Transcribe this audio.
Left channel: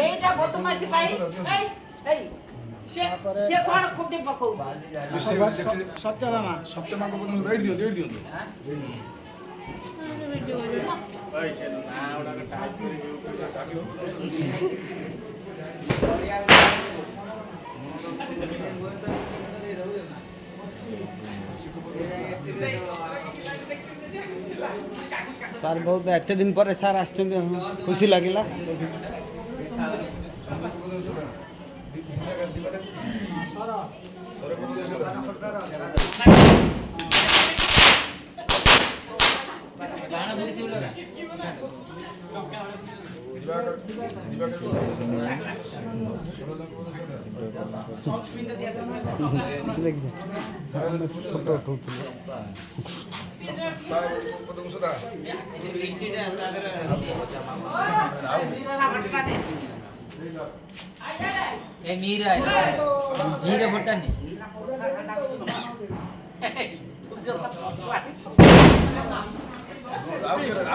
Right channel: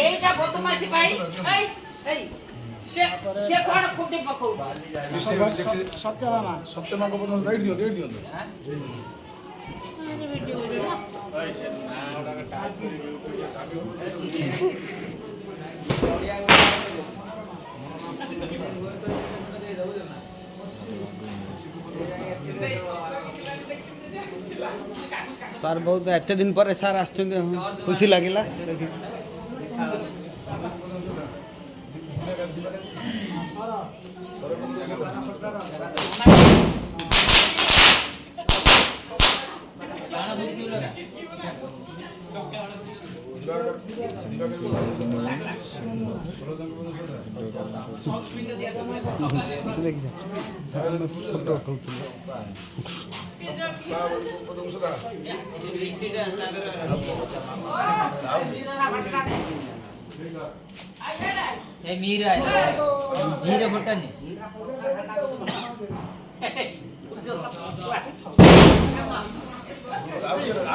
এইটা বদমাশি ভাই ভাই এই সে কোন খুব দেখ পাকো সত্যবামা সত্যমাকে বলুন রেড দিও ভিডিও ভাই সে না ওটাকে টাইপ করে ସାର୍ ବହୁତ ଏତେ ଦିନ ପରେ ସାର୍ ଆସିଛନ୍ତି ଖୁସି ଲାଗିଲା ଦେଖି ଦେଖିଛ ଫଟୋ ଉଠାଉଥିଲେ మీరా పుట్టండి ଆଉ